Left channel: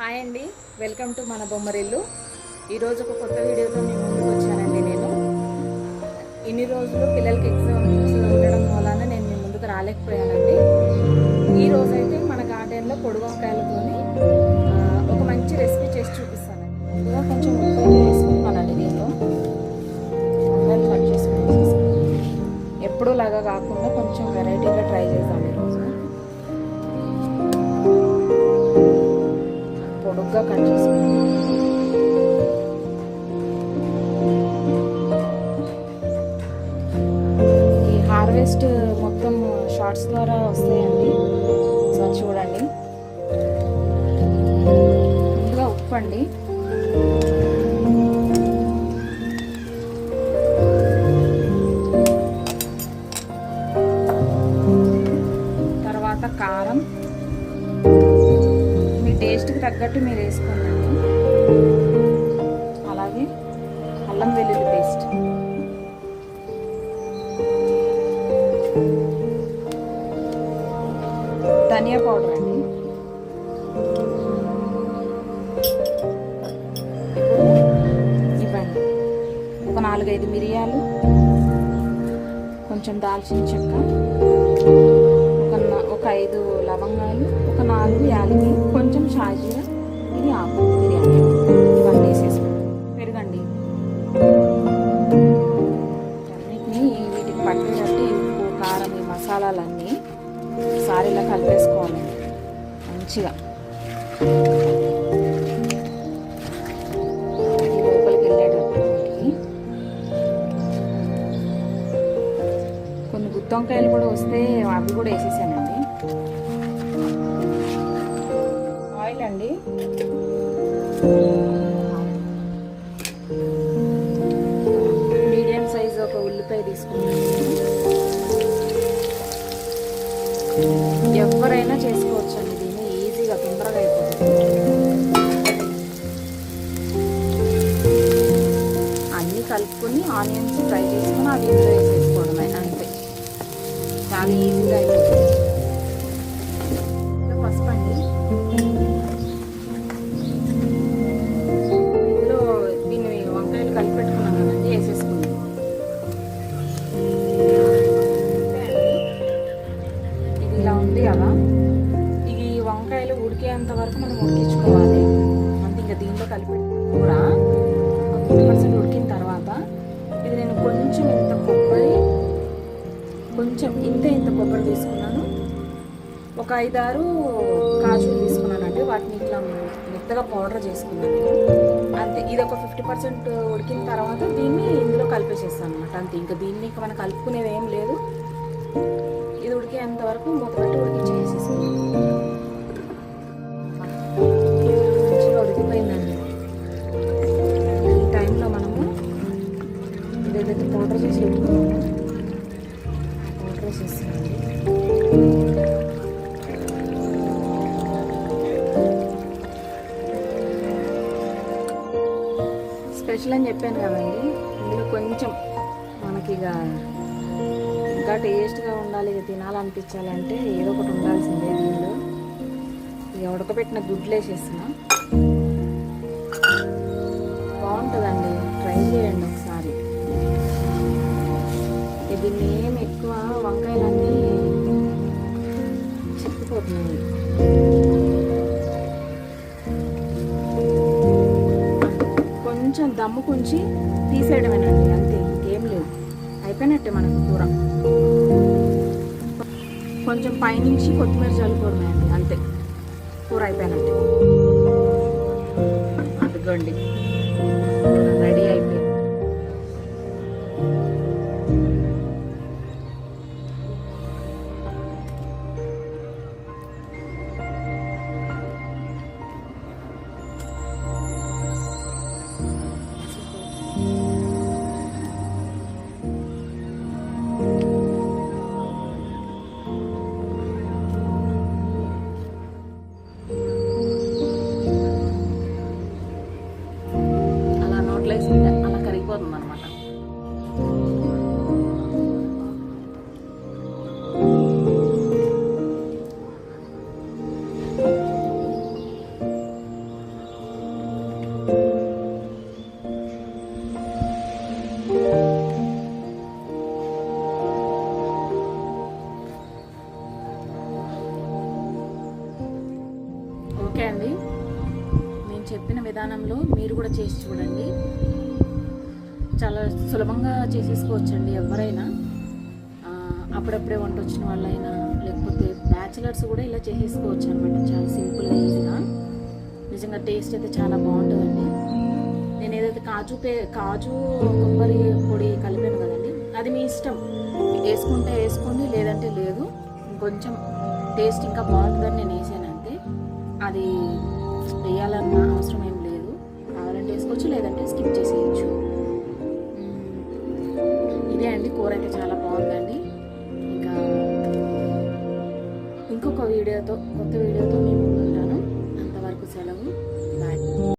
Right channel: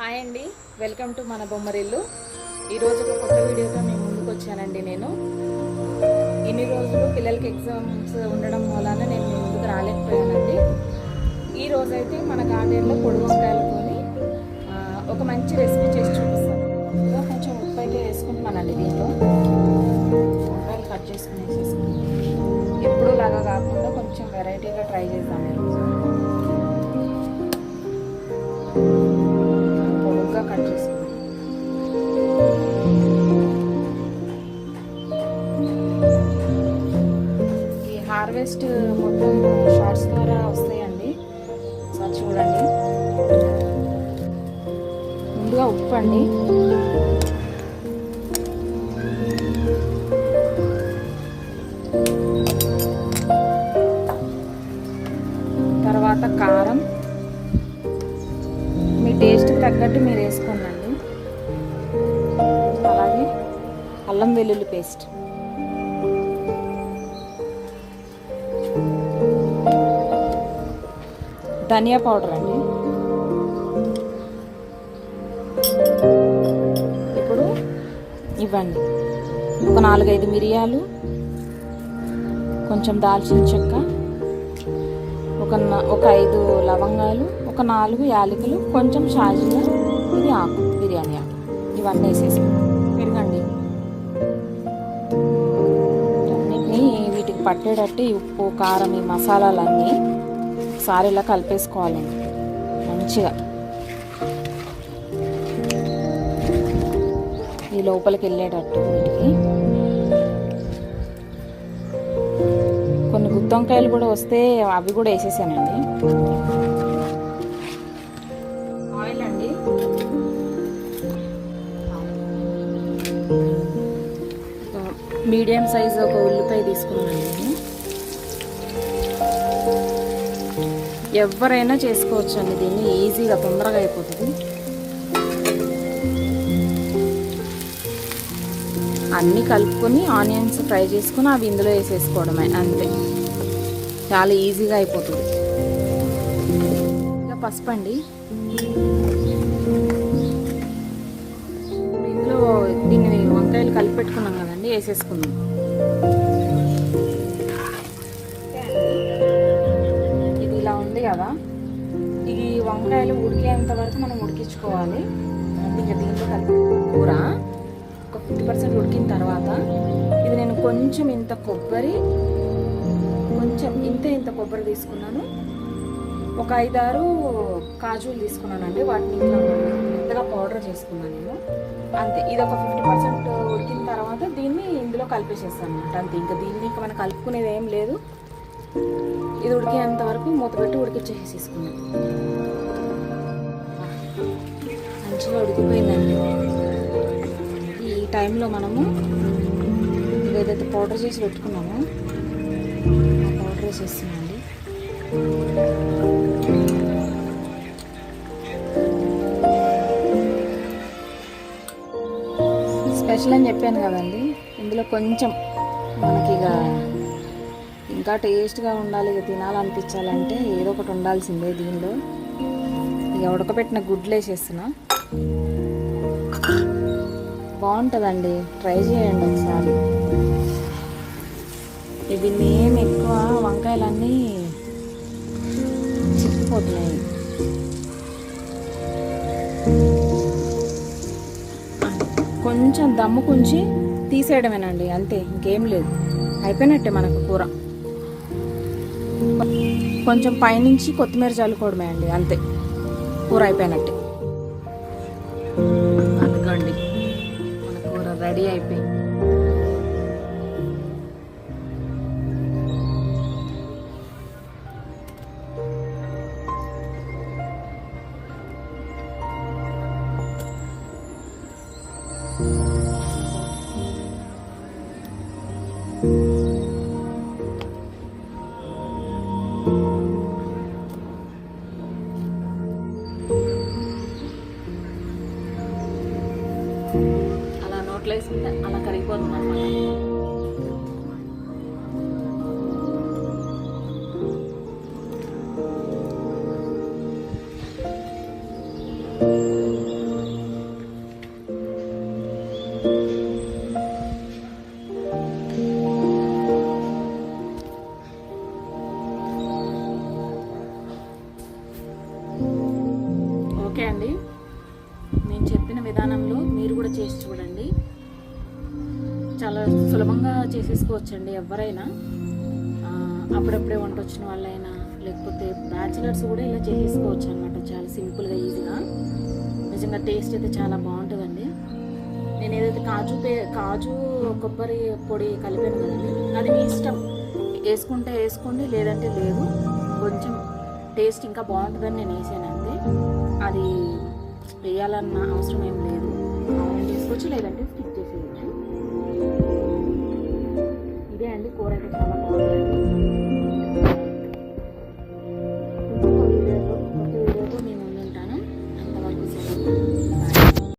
Hi అండి. Welcome to మన బొమ్మరిల్లు. ఈరోజు ఒక కొత్త వీడియోతో మీ ముందుకు వచ్చానండి నేను. ఇన్ని రోజులు పిల్లలకి ఎగ్జామ్స్ ఉండడం వలన నేను మీ ముందుకు రాలేకపోయానండి. ఈ రోజైతే అయితే మన గార్డెన్లో పొడి వంకాయలతోని ఒక మంచి రెసిపీ చేసి చూపిస్తాను. కొంచెం ఉప్పు అయితే వేసుకుంటున్నానండి జస్ట్ మొత్తం షార్ట్స్ ద్వారా వస్తాయండి. సో చూడండి. ముందుగా ఉప్పు అండి. తర్వాత కారం. మీ టేస్ట్కి తగ్గట్టు మీరు వేసుకోండి. అలాగే అల్లం వెల్లుల్లి ధనియా పౌడర్ అండి. ఇప్పుడు ఇవ్వండి. ఒక నాలుగైదు మిరియాలు కొంచెం దాల్చిన చెక్క ఒక ఒక ఐదు లవంగాలు ఒక నాలుగు యాలకులు కొంచెం షాజీరా ఇది ఆకు. పట్టేటట్టు ఈ ఉప్పు కారం ఈ మసాలాలన్నీ సారీలా కలిపేసుకోవాలండి మంచిగా. ఈ లోపలికి వెళ్ళేటట్టు వీటికి. కొన్ని గుత్తొంకాయలు కూడా వస్తే అవి కూడా వేసేసానండి. ఆయిల్ అండి. మీడియం సైజు ఒక ఉల్లిపాయ తీసుకున్నాను ఎవరైనా చేసుకోవచ్చు అండి దీన్ని ఈజీగా తొందరగా అయిపోతుంది. అన్నీ కలుపుకొని ఆనియన్స్ ఫ్రై చేసుకుని అవి ఇందులో వేసేసుకోవడమే అంతే. చాలా ఈజీగా అయిపోతుంది. ఇంకా పసుపు అండి. ఇందులో దీన్ని వంకాయలు కలిపి పెట్టుకున్నాం కదండి వేసేసుకున్నాం కదా? ఇది వంకాయలు ఉడికేంత వరకు మనం ఉడికించుకోవాలి. అంటే ఇంకా దీంట్లో కలిపి కూర ఒక ఫిఫ్టీ పర్సెంట్ ఉడికిన తర్వాత ఇది నేను కొంచెం ఇంత కొబ్బరి కొంచెం ఇంత ఇంత కొబ్బరి తీసుకున్నాను. ఒక ఐదారు కాజులు తీసుకున్నానండి వాటిని ఇట్లా మెత్తగా పౌడర్ చేసుకున్నాను. అంతే ఇది ఒక ఫిఫ్టీ పర్సెంట్ ఉడికిన తర్వాత దీన్ని ఇందులో కలిపేసేస్తాను అనమాట అంతే ఇంకా దీన్ని ఇంకా మనం కలుపుకునేది ఏం లేదు. ఇది ఉడికేంత వరకు మూత పెట్టి ఉడికిచ్చేసేసుకున్నాం మంచిగా ఉడికిపోయిందండి. ఈ టైంలో మనము ఇది ఏదైతే పౌడర్ చేసి పెట్టుకున్నామో పౌడర్ వేసేస్తున్నాండి స్పెషల్ అని చెప్పాను కదండి ఇందులో కొంచెం మనకి ఇక ఇంకా టేస్ట్గా ఉండాలి ఇక తినాలనిపించాలంటే ఏదో ఒకటి ఉండాల్సిందే దీనిలో. ఇక ఉడకబెట్టిన గుడ్లు వేసేస్తున్నా. బాగుంటుందండి. ట్రై చేయండి ఒకసారి. ఇవి మేము ఎక్కువ వంకాయలన్నీ చిక్కిపోతున్నాయి. కొంచెం దమ్ము కొంచి తీసేయడమేనండి అంతే ఇంకేం లేదు. అయిపోయినట్టే మనకు కూర. కొంచెం పైనుంచి కొత్తిమీర చల్లుకోవడమే అండి అంతే. కూర అయిపోయినట్టే అదిగోండి రెడీ అయిపోయింది. ప్లేస్ నోట్లో అలా కరిగిపోతుంది అనమాట మీరు కూడా చేసి చూడండి. చాలా సులభంగా చేసేసుకోవచ్చండి ఎవరైనా. అప్పుడప్పుడే వంట వచ్చిన వాళ్ళైనా లేకపోతే బ్యాచిలర్స్ కూడా ఇలా చేసేసుకోవచ్చు అనమాట చాలా సింపుల్గా ఈజీగా. నిజంగా టేస్ట్ అయితే చాలా బాగుంటుందండి. నేను ఏదైతే కాజు పే కాజు కొబ్బరి పొడి కలిపాను కదండి అది మీ ఇష్టం. వేసుకుంటే వేసుకోండి లేదంటే లేదు. కొంచెం టేస్ట్ ఇంకా బాగుంటుందని నేను వేసాను అంతే. అది వేయాలన్న అవసరం ఏం లేదు. కావాలంటే వేసుకోవచ్చు లేదంటే స్కిప్ చేసేయచ్చు. ఇదే అండి కూర అయితే చాలా బాగుందండి. ఇంకా ఇంకొక వీడియోతో కొత్త